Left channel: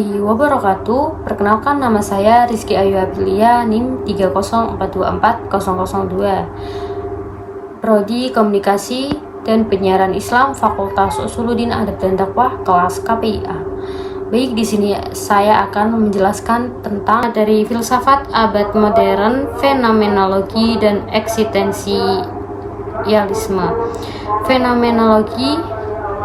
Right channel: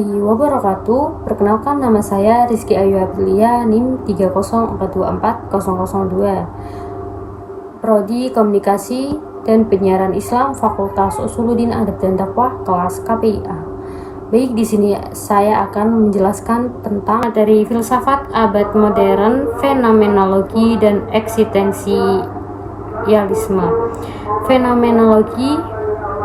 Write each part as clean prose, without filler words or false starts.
warahmatullahi wabarakatuh. Perkenalkan, nama saya Rizky Ayu Aprilia, NIM 304240002, Prodi Komunikasi dan Penyiaran Islam, Fakultas Usuluddin Adab dan Dakwah, kelas KPIA. Baik, di sini saya akan menjelaskan tentang materi filsafat abad modern, fenomenologi dan eksistensialisme. Fenomenologi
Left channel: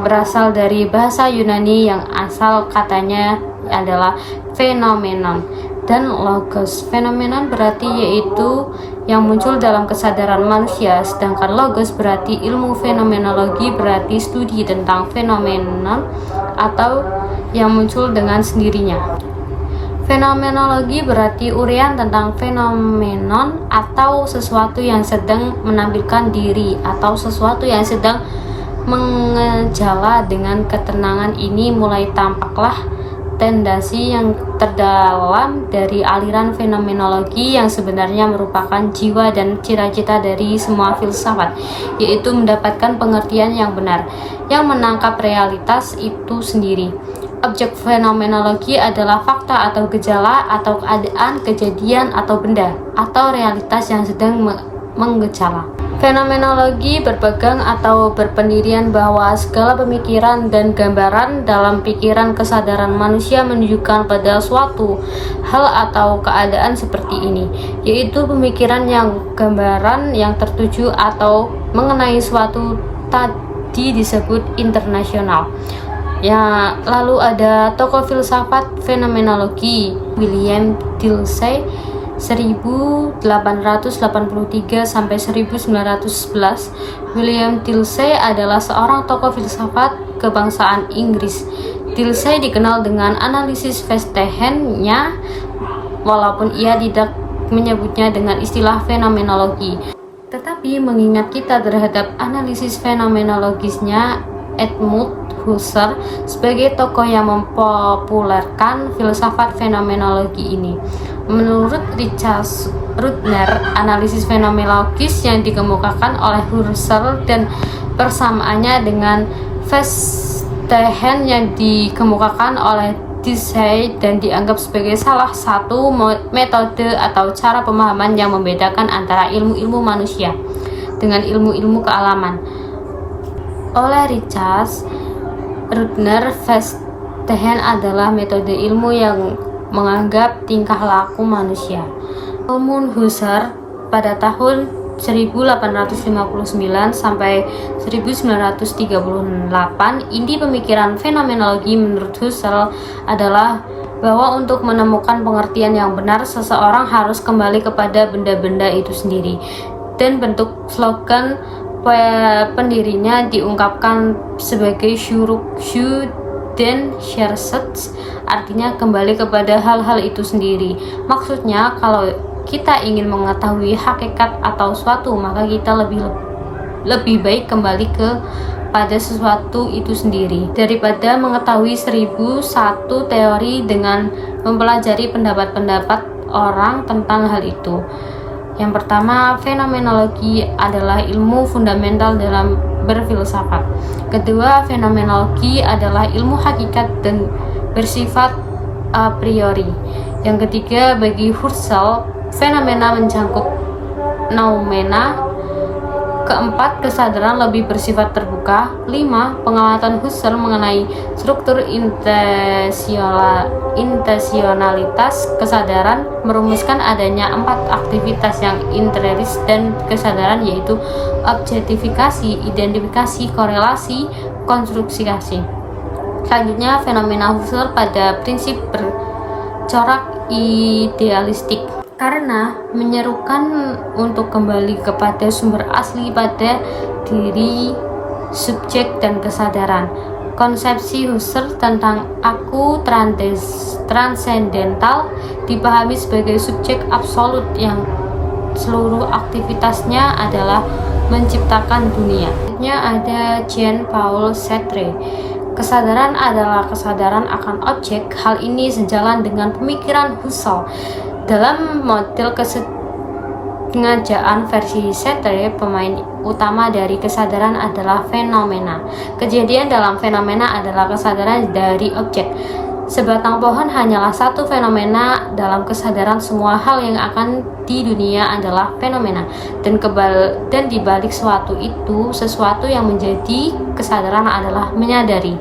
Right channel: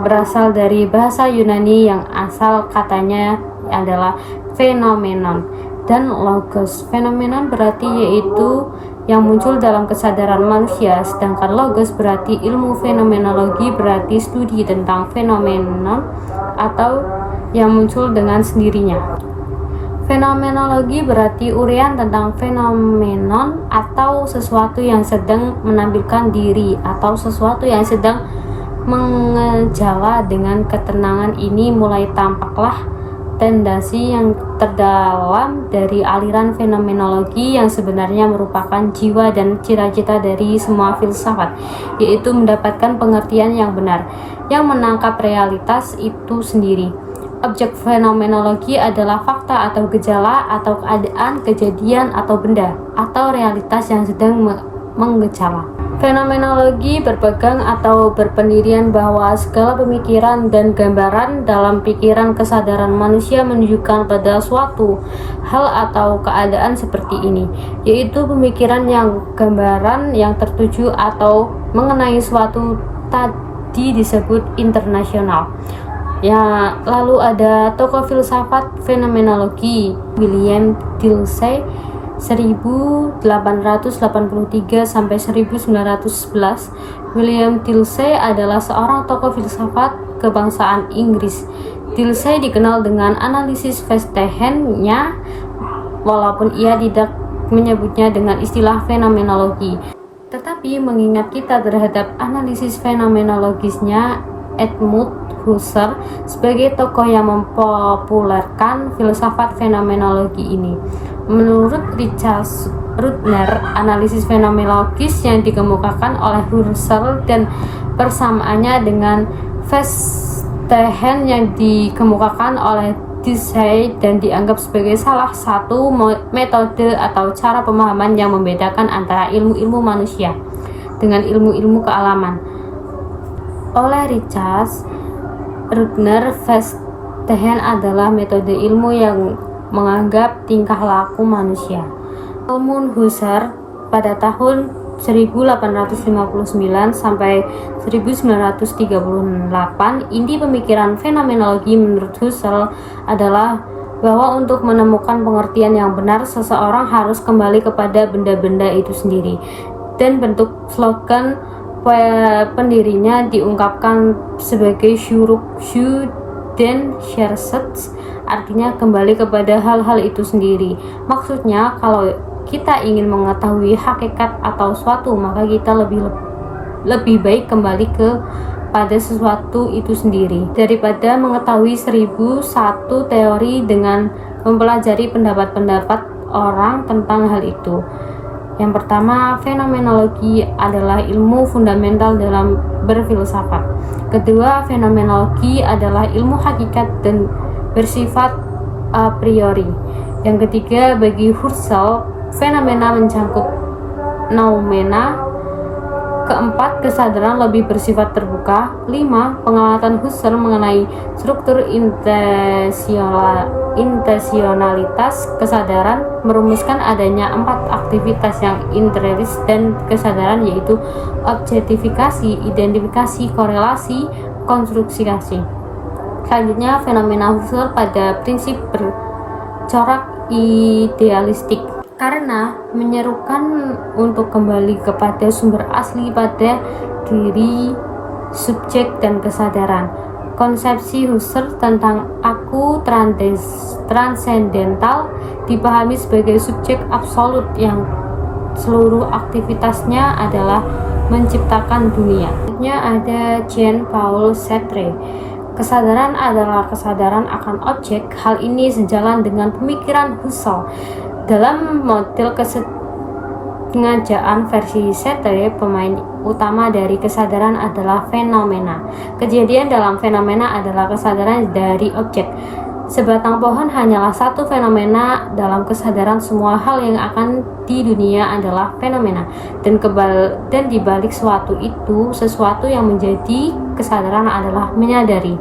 berasal dari bahasa Yunani yang asal katanya adalah fenomenon, dan logos. Fenomenon berarti yaitu yang muncul dalam kesadaran manusia, sedangkan logos berarti ilmu. Fenomenologi berarti studi tentang fenomenon atau yang muncul dengan sendirinya. Fenomenologi berarti uraian tentang fenomenon atau sesuatu yang sedang menampilkan diri atau sesuatu yang sedang mengejala. Dengan ketenangan ini mulai tampaklah tendensi yang terdalam dari aliran fenomenologi yang sebenarnya merupakan jiwa dan cita-cita dari semua filsafat, yaitu mendapatkan pengertian yang benar, yang menangkap realitas itu sendiri. Objek fenomenologi adalah fakta atau gejala atau keadaan, kejadian atau benda atau realitas yang sedang mengejala. Fenomenologi berpegang atau berpendirian bahwa segala pemikiran dan gambaran dalam pikiran kesadaran manusia menunjukkan pada suatu hal atau keadaan seperti ini, yaitu pemikiran yang gambaran yang tertuju atau mengenai suatu tadi disebut internasional. Ya, lalu ada tokoh filsafat fenomenologi William Dilthey 1883 sampai 1911. William Dilthey adalah seorang tokoh filsafat kebangsaan Inggris. Dilthey dikenal dengan analisis Verstehen-nya, walaupun ia tidak menyebutnya dengan istilah fenomenologi. Tetapi mengingat kita terhadap analisis fenomenologisnya Edmund Husserl sebagai tokoh yang mempopulerkan filsafat fenomenologi ini. Menurut Richard Rudner, analisis fenomenologis yang dikemukakan oleh Husserl dan persamaannya dengan Verstehen yang dikemukakan oleh Dilthey dan dianggap sebagai salah satu metode atau cara pemahaman yang membedakan antara ilmu-ilmu manusia dengan ilmu-ilmu kealaman. Oleh Richard Rudner, Verstehen adalah metode ilmu yang menganggap tingkah laku manusia. Edmund Husserl pada tahun 1859 sampai 1938, inti pemikiran fenomenologi menurut Husserl adalah bahwa untuk menemukan pengertian yang benar, seseorang harus kembali kepada benda-benda itu sendiri, dan bentuk slogan pendirinya diungkapkan sebagai Zurück den Schmerz, artinya kembali kepada hal-hal itu sendiri. Maksudnya, kalau kita ingin mengetahui hakikat atau suatu, maka kita lebih baik kembali pada sesuatu itu sendiri daripada mengetahui 1001 teori dengan mempelajari pendapat-pendapat orang tentang hal itu. Yang pertama, fenomenologi adalah ilmu fundamental dalam berfilsafat. Kedua, fenomenologi adalah ilmu hakikat dan bersifat a priori. Yang ketiga, bagi Husserl, fenomena mencakup noumena. Keempat, kesadaran lebih bersifat terbuka. 5. Pengamatan Husserl mengenai struktur intensionalitas kesadaran merumuskan adanya 4 aktivitas yang intrinsik dan kesadaran, yaitu objektifikasi, identifikasi, korelasi, konstruksi. Selanjutnya, fenomena Husserl pada prinsip bercorak idealistik, karena menyerukan untuk kembali kepada sumber asli pada diri subjek dan kesadaran. Konsepsi Husserl tentang aku transendental dipahami sebagai subjek absolut yang seluruh aktivitasnya adalah menciptakan dunia. Selanjutnya ada Jean-Paul Sartre. Kesadaran adalah kesadaran akan objek. Hal ini sejalan dengan pemikiran Husserl. Dalam model kesengajaan versi Sartre, pemain utama dari kesadaran adalah fenomena. Kejadian dalam fenomena adalah kesadaran dari objek. Sebatang pohon hanyalah satu fenomena dalam kesadaran. Semua hal yang akan di dunia adalah fenomena, dan di balik suatu itu, sesuatu yang menjadi kesadaran adalah menyadari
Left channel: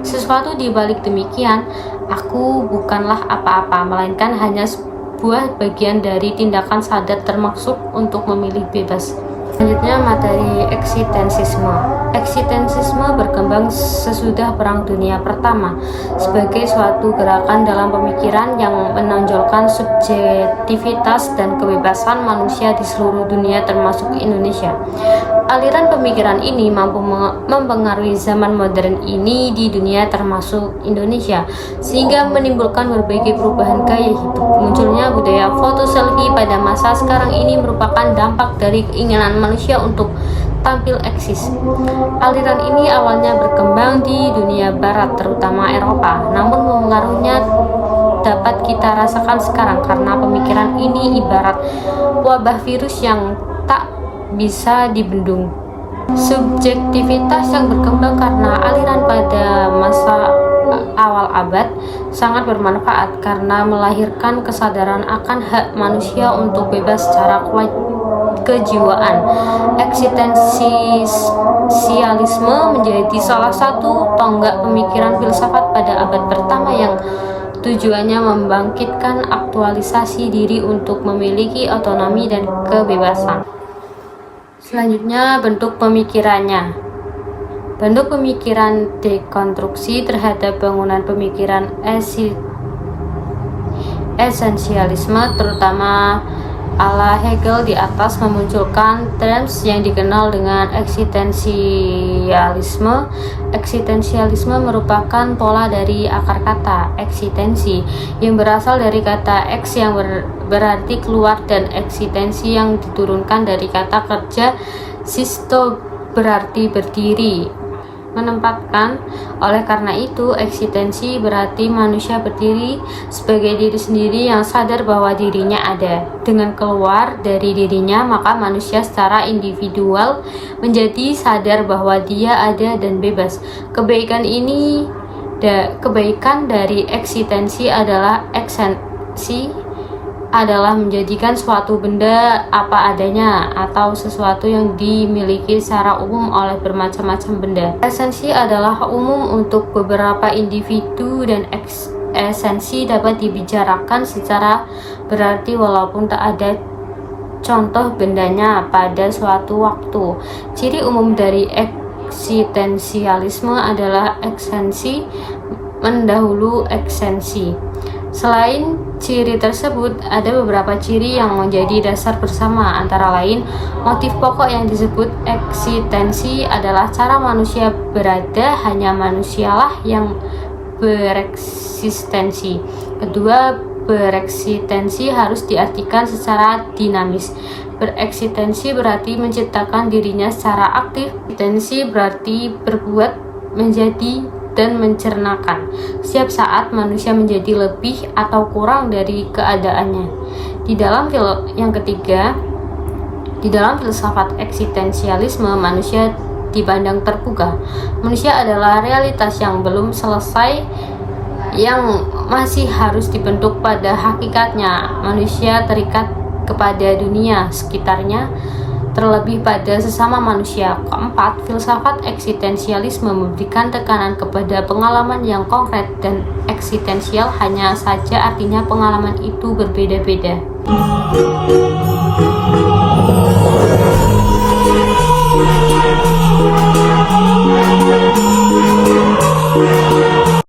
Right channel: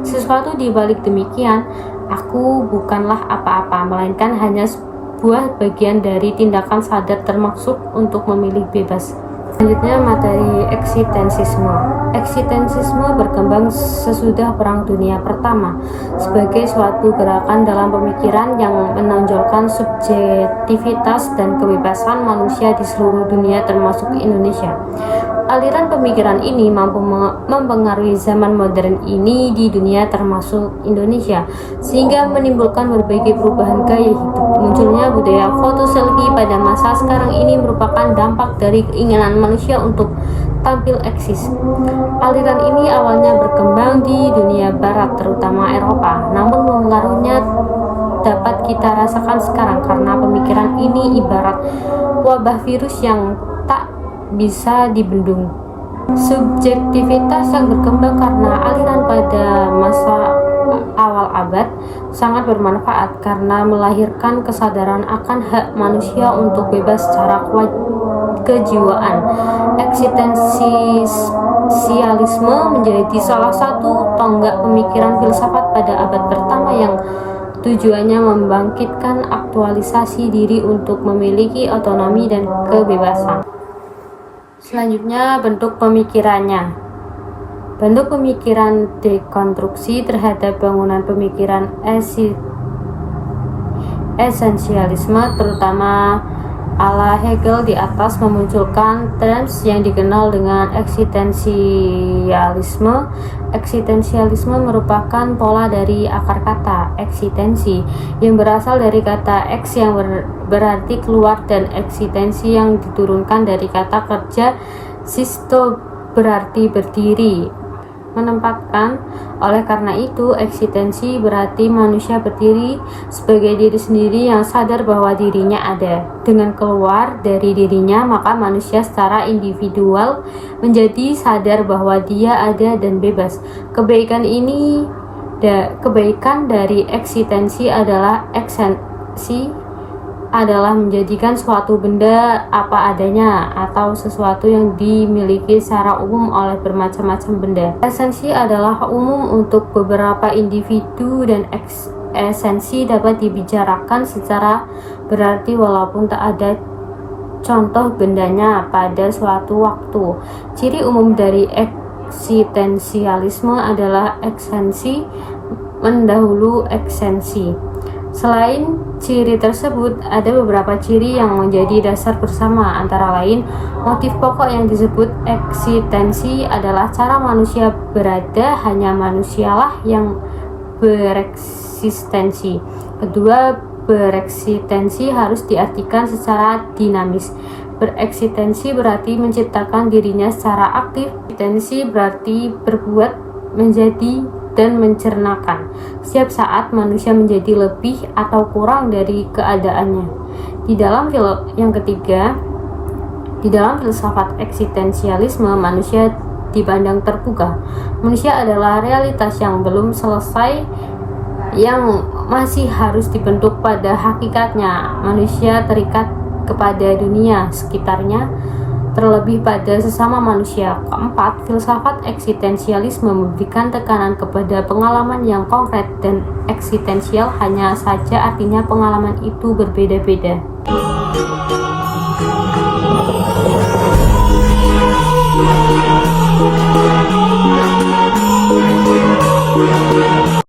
sesuatu. Di balik demikian, aku bukanlah apa-apa, melainkan hanya sebuah bagian dari tindakan sadar, termasuk untuk memilih bebas. Selanjutnya, materi eksistensisme. Eksistensisme berkembang sesudah Perang Dunia Pertama sebagai suatu gerakan dalam pemikiran yang menonjolkan subjektivitas dan kebebasan manusia di seluruh dunia, termasuk Indonesia. Aliran pemikiran ini mampu mempengaruhi zaman modern ini di dunia, termasuk Indonesia, sehingga menimbulkan berbagai perubahan gaya hidup. Munculnya budaya foto selfie pada masa sekarang ini merupakan dampak dari keinginan manusia untuk tampil eksis. Aliran ini awalnya berkembang di dunia barat, terutama Eropa, namun pengaruhnya dapat kita rasakan sekarang karena pemikiran ini ibarat wabah virus yang tak bisa dibendung. Subjektivitas yang berkembang karena aliran pada masa awal abad sangat bermanfaat karena melahirkan kesadaran akan hak manusia untuk bebas secara kejiwaan. Eksistensialisme menjadi salah satu tonggak pemikiran filsafat pada abad pertama yang tujuannya membangkitkan aktualisasi diri untuk memiliki otonomi dan kebebasan. Selanjutnya, bentuk pemikirannya. Bentuk pemikiran dekonstruksi terhadap bangunan pemikiran esensialisme, terutama ala Hegel di atas, memunculkan terms yang dikenal dengan eksistensialisme. Eksistensialisme merupakan pola dari akar kata eksistensi yang berasal dari kata eks yang berarti keluar, dan eksistensi yang diturunkan dari kata kerja sisto berarti berdiri, menempatkan. Oleh karena itu, eksistensi berarti manusia berdiri sebagai diri sendiri yang sadar bahwa dirinya ada. Dengan keluar dari dirinya, maka manusia secara individual menjadi sadar bahwa dia ada dan bebas. Kebaikan dari eksistensi adalah menjadikan suatu benda apa adanya atau sesuatu yang dimiliki secara umum oleh bermacam-macam benda. Esensi adalah umum untuk beberapa individu, dan esensi dapat dibicarakan secara berarti walaupun tak ada contoh bendanya pada suatu waktu. Ciri umum dari eksistensialisme adalah esensi mendahului eksensi. Selain ciri tersebut, ada beberapa ciri yang menjadi dasar bersama, antara lain motif pokok yang disebut eksistensi adalah cara manusia berada, hanya manusialah yang bereksistensi. Kedua, bereksistensi harus diartikan secara dinamis. Bereksistensi berarti menciptakan dirinya secara aktif. Eksistensi berarti berbuat, menjadi, dan mencernakan. Setiap saat manusia menjadi lebih atau kurang dari keadaannya. Di dalam filsafat eksistensialisme, manusia dipandang terbuka. Manusia adalah realitas yang belum selesai, yang masih harus dibentuk pada hakikatnya. Manusia terikat kepada dunia sekitarnya, terlebih pada sesama manusia. Keempat, filsafat eksistensialisme memberikan tekanan kepada pengalaman yang konkret dan eksistensial, hanya saja artinya pengalaman itu berbeda-beda.